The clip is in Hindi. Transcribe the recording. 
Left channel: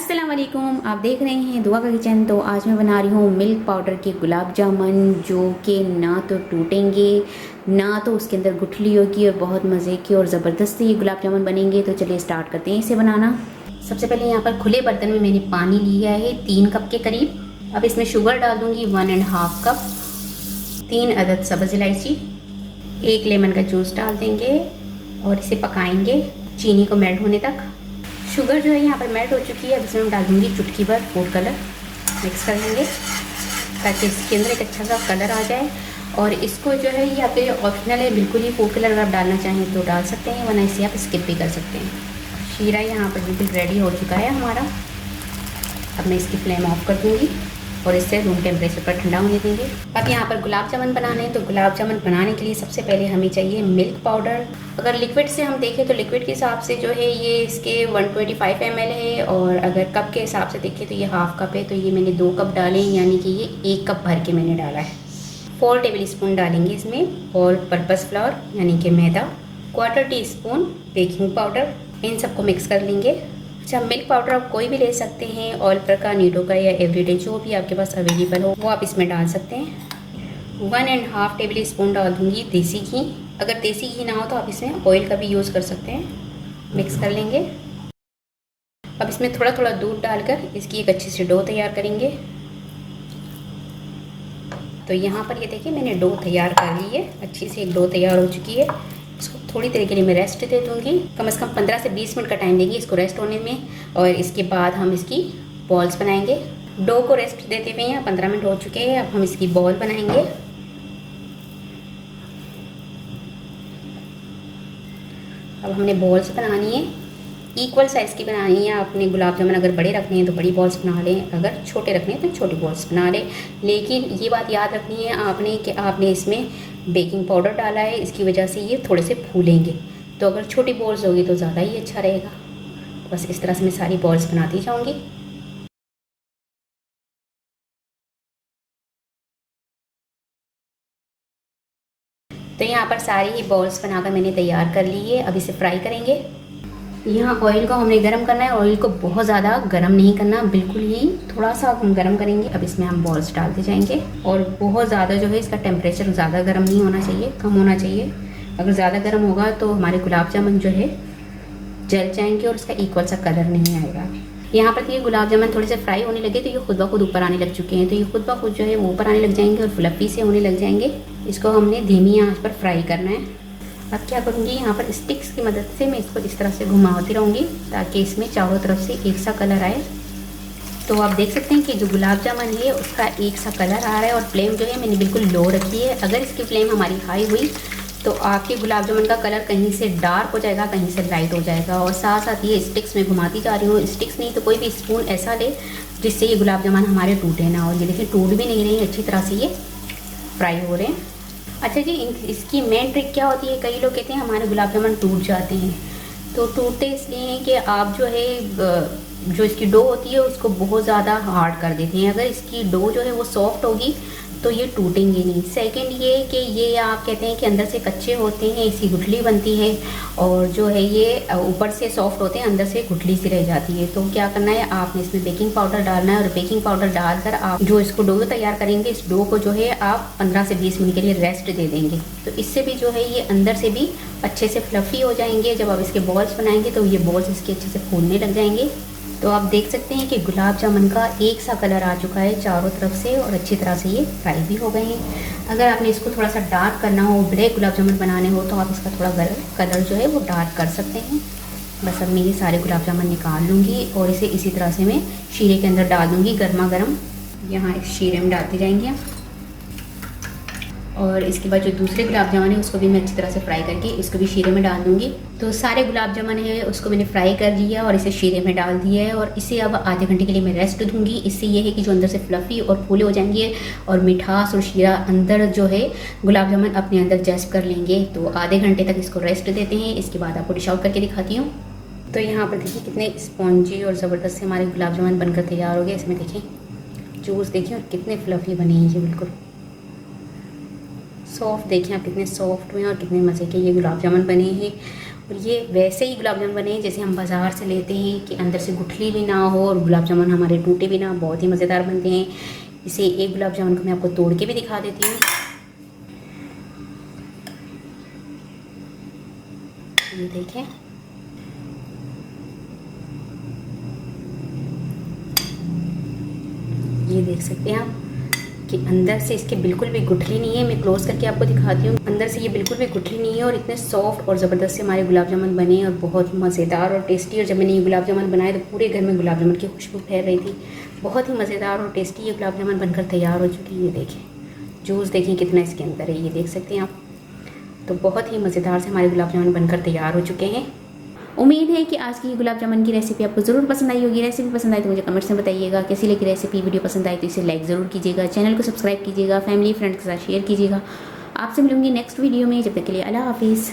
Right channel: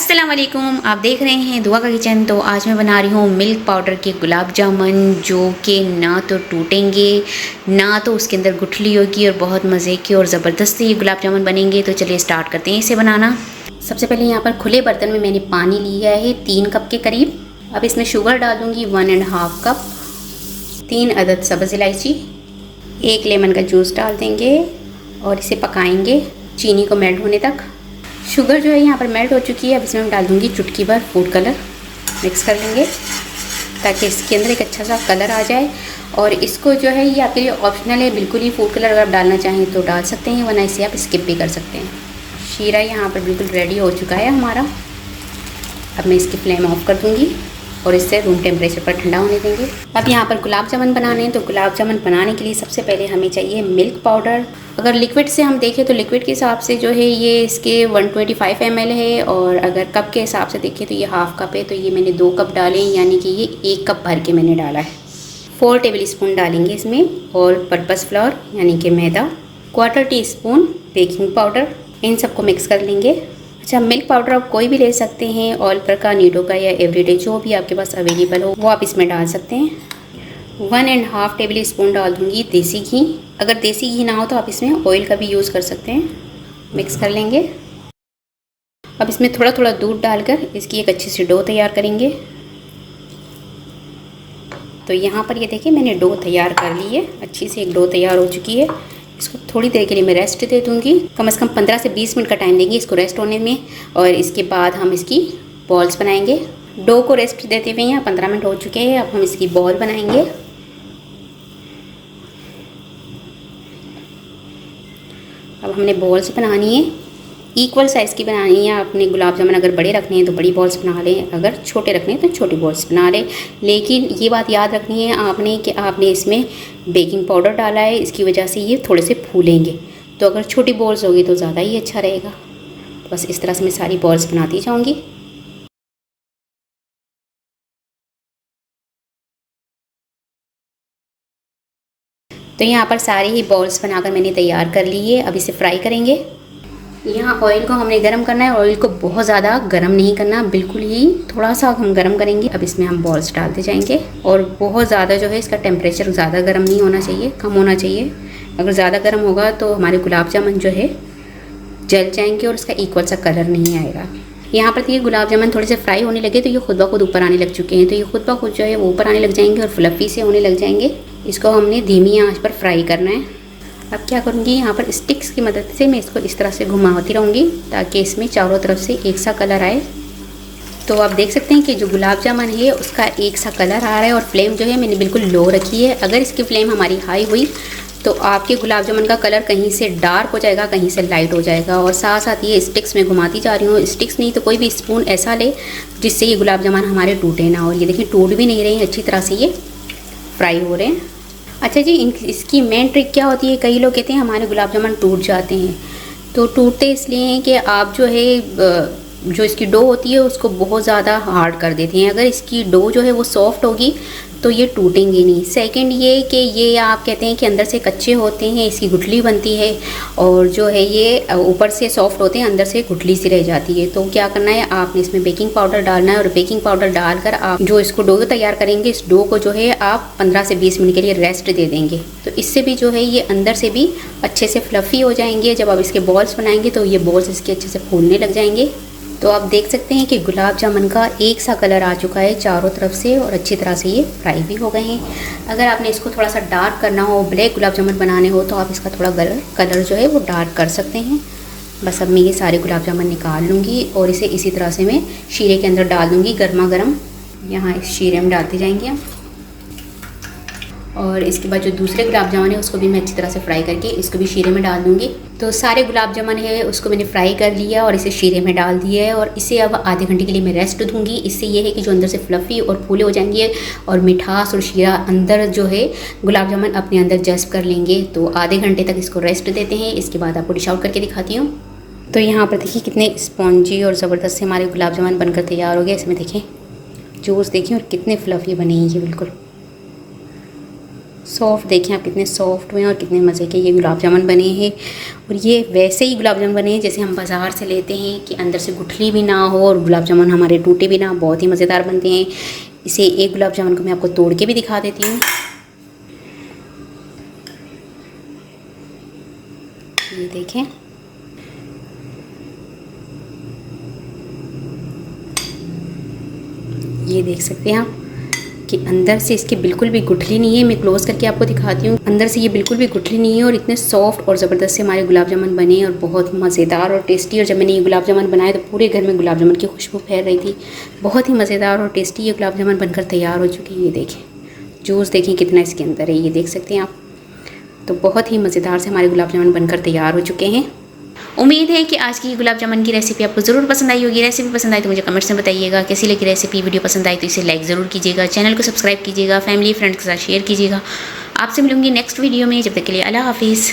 अस्सलाम वालेकुम, आप देख रहे हैं दुआ का किचन। तो आज मैं बना रही हूँ मिल्क पाउडर के गुलाब जामुन, जो कि ना तो टूटेंगे ना तो उसके अंदर गुठली होगी और बहुत मज़े की और ज़बरदस्त ये गुलाब जामुन बनेंगे। तो चलिए स्टार्ट करते हैं इसे बनाना। सबसे पहले यहाँ पर खुले बर्तन में मैंने पानी लिया है 3 कप के करीब। अब इसमें शुगर डाल दूँगी 1.5 कप, 3 अदद सब्ज़ इलायची, 1 लेमन का जूस डाल देंगे और इसे पकाएंगे चीनी को मेल्ट होने तक। शुगर जो है यहाँ पर मेल्ट हो चुकी है। अब इसमें मैं डाल दूँगी चुटकी भर फूड कलर, मिक्स कर लेंगे ताकि इसके अंदर एक अच्छा सा कलर आ जाए। और इसको जो है ये आपके लिए ऑप्शनल है, बिल्कुल ही फूड कलर अगर आप डालना चाहें तो डाल सकते हैं, वरना इसे आप स्किप भी कर सकते हैं। शीरा यहाँ पर बिल्कुल रेडी हो चुका है हमारा। अब मैं इसकी फ्लेम ऑफ कर दूँगी और इससे रूम टेम्परेचर पर ठंडा होने देंगे। अब यहाँ पर गुलाब जामुन बनाने हैं, तो गुलाब जामुन बनाने के लिए सबसे पहले हमें चाहिए मिल्क पाउडर। अगर लिक्विड से हम देखें तो लिक्विड के हिसाब से जो है ये इसके 125 ml है, और अगर कप के हिसाब से देखें तो ये हाफ़ कप है। तो ये मैंने 2 कप डाले, यानी कि ये 1 कप भर के मैंने डाला है। 4 टेबल स्पून डालेंगे इसमें ऑल पर्पज़ फ्लोर यानी कि मैदा, 1/4 टीस्पून बेकिंग पाउडर। इन सबको मिक्स कर लेंगे। अच्छा, मिल्क पाउडर आप कोई भी ले सकते हैं, ऑल का, नीडो का या एवरीडे, जो भी आपके पास अवेलेबल हो वो आप इसमें डाल सकते हैं। 1.5 टेबल स्पून डाल दूँगी देसी घी। अगर देसी घी ना हो तो आप इसमें ऑयल का भी यूज़ कर सकते हैं। मिक्स कर लेंगे। अब इसमें थोड़ा थोड़ा दूध डालकर इसकी एक अच्छी सी डो तैयार करेंगे। तो यहाँ पर ये देखिए मैंने डो तैयार कर ली है, अच्छी सी एक डो तैयार हो चुकी है। इसको थोड़ी देर के लिए मैं रेस्ट दे दूँगी, कम से कम 15 से 20 मिनट का टाइम देंगे इसको रेस्ट होने में। और इसके बाद हम इसकी बॉल्स बनाएंगे। डो को रेस्ट देते हुए यहाँ 15 मिनट हो चुके हैं। अब हम इसकी बॉल बनाएंगे। अब हमने बॉल्स बनानी है, इक्वल साइज़ की बनानी है। आपने गुलाब जामुन अगर बड़े रखने हैं तो बड़ी बॉल्स बना लें, अगर छोटे रखने हैं तो छोटी बॉल्स बना लें। लेकिन ये बात याद रखनी है आपने कि आपने इसमें बेकिंग पाउडर डाला है, इसकी वजह से ये थोड़े से फूलेंगे। तो अगर छोटी बॉल्स होगी तो ज़्यादा ही अच्छा रहेगा। बस इस तरह से मैं सारी बॉल्स बनाती जाऊँगी। तो यहाँ पर सारी ही बॉल्स बनाकर मैंने तैयार कर ली है। अब इसे फ्राई करेंगे। यहाँ ऑयल को हमने गरम करना है। ऑयल को बहुत ज़्यादा गरम नहीं करना, बिल्कुल ही थोड़ा सा हम गरम करेंगे। अब इसमें हम बॉल्स डालते जाएंगे, और बहुत ज़्यादा जो है इसका टेम्परेचर ज़्यादा गर्म नहीं होना चाहिए, कम होना चाहिए। अगर ज़्यादा गर्म होगा तो हमारे गुलाब जामुन जो है जल जाएंगे और इसका इक्वल सा कलर नहीं आएगा। यहाँ पर ये गुलाब जामुन थोड़े से फ्राई होने लगे तो ये खुद ब खुद ऊपर आने लग चुके हैं। तो ये खुद ब खुद जो है वो ऊपर आने लग जाएंगे और फ्लफ़ी से होने लग जाएंगे। इसको हमने धीमी आंच पर फ्राई करना है। अब क्या करूँगी, यहाँ पर स्टिक्स की मदद से मैं इसको इस तरह से घुमाती रहूँगी ताकि इसमें चारों तरफ से एक सा कलर आए। तो आप देख सकते हैं कि जो गुलाब जामुन है उसका एक सा कलर आ रहा है। और फ्लेम जो है मैंने बिल्कुल लो रखी है। अगर इसकी फ्लेम हमारी हाई हुई तो आपके गुलाब जामुन का कलर कहीं से डार्क हो जाएगा, कहीं से लाइट हो जाएगा। और साथ साथ ये स्टिक्स में घुमाती जा रही हूँ। स्टिक्स नहीं तो कोई भी स्पून ऐसा ले जिससे ये गुलाब जामुन हमारे टूटे ना। और ये देखिए टूट भी नहीं रही, अच्छी तरह से ये फ्राई हो रहे हैं। अच्छा जी, इसकी मेन ट्रिक क्या होती है, कई लोग कहते हैं हमारे गुलाब जामुन टूट जाते हैं। तो टूटते इसलिए हैं कि आप जो है जो इसकी डो होती है उसको बहुत ज़्यादा हार्ड कर देती हैं। अगर इसकी डो जो है वो सॉफ्ट होगी तो ये टूटेंगी नहीं। सेकंड ये कि ये आप कहते हैं कि अंदर से कच्चे होते हैं, इसकी गुठली बनती है, और जो है ये ऊपर से सॉफ्ट होते हैं, अंदर से गुठली सी रह जाती है। तो क्या करना है, आपने इसमें बेकिंग पाउडर डालना है, और बेकिंग पाउडर डालकर आप जो इसको डो तैयार करेंगे, इस डो को जो है आप 15 से 20 मिनट के लिए रेस्ट दे देंगे। तो इससे भी जो है ये अंदर से भी अच्छे से फ्लफ़ी हो जाएंगे। जब आप इसके बॉल्स बनाएंगे तो ये बॉल्स इसके अच्छे से फूलने लग जाएंगे। तो आप देख सकते हैं कि गुलाब जामुन का एक सा कलर आ चुका है चारों तरफ से, और अच्छी तरह से ये फ्राई भी हो गए हैं। अगर आपने इसको थोड़ा सा डार्क करना हो, ब्लैक गुलाब जामुन बनाने हो, तो आप इसका थोड़ा कलर जो है वो डार्क कर सकते हैं। बस अब मैं ये सारे गुलाब जामुन निकाल लूँगी और इसे इसी तरह से मैं शीरे के अंदर डाल दूँगी गर्मा गर्म। यहाँ इस शीरे में डालते जाएंगे हम। और इसके बाद जो दूसरे गुलाब जामुन है उसको भी मैं अच्छी तरह से फ्राई करके इसको भी शीरे में डाल दूँगी। तो सारे गुलाब जामुन है उसको मैंने फ्राई कर लिया और इसे शीरे में डाल दिया है, और इसे अब आधे घंटे के लिए मैं रेस्ट दूँगी। इससे ये है कि जो अंदर से फ्लफ़ी और फूले हो जाएंगे, और मिठास और शीरा अंदर जो है गुलाब जामुन अपने अंदर जज्ब कर लेंगे। तो आधे घंटे तक इसको रेस्ट देते हैं। इसके बाद आपको डिश आउट करके दिखाती हूँ। तो यहाँ पर देखिए कितने स्पॉन्जी और ज़बरदस्त से हमारे गुलाब जामुन बनकर तैयार हो गए। इसमें देखें जूस देखिए और कितने फ्लफ़ी बने हैं ये, बिल्कुल सॉफ्ट देखें आप कितने सॉफ्ट हुए हैं और कितने मज़े के ये गुलाब जामुन बने हैं। और ये वैसे ही गुलाब जामुन बने हैं जैसे हम बाज़ार से लेते हैं, कि अंदर से गुठली भी ना हो और गुलाब जामुन हमारे टूटे भी ना। बहुत ही मज़ेदार बनते हैं। इसे एक गुलाब जामुन को मैं आपको तोड़ के भी दिखा देती हूँ। ये देखें, ये देख सकते हैं आप कि अंदर से इसके बिल्कुल भी गुठली नहीं है। मैं क्लोज करके आपको दिखाती हूँ। अंदर से ये बिल्कुल भी गुठली नहीं है और इतने सॉफ्ट और ज़बरदस्त से हमारे गुलाब जामुन बने और बहुत मज़ेदार और टेस्टी। और जब मैंने ये गुलाब जामुन बनाए तो पूरे घर में गुलाब जामुन की खुशबू फैल रही थी। बहुत ही मज़ेदार और टेस्टी ये गुलाब जामुन बनकर तैयार हो चुकी है। ये देखें, जूस देखें कितना इसके अंदर है, ये देख सकते हैं आप। तो बहुत ही मज़ेदार से हमारे गुलाब जामुन बनकर तैयार हो चुके हैं। उम्मीद है कि आज की गुलाब जामुन की रेसिपी आपको ज़रूर पसंद आई होगी। रेसिपी पसंद आई तो मुझे कमेंट्स में बताइएगा कैसी लगी रेसिपी। वीडियो पसंद आई तो इसे लाइक ज़रूर कीजिएगा, चैनल को सब्सक्राइब कीजिएगा, फैमिली फ्रेंड्स के साथ शेयर कीजिएगा। आपसे मिलूंगी नेक्स्ट वीडियो में। जब तक के लिए अल्लाह हाफिज़।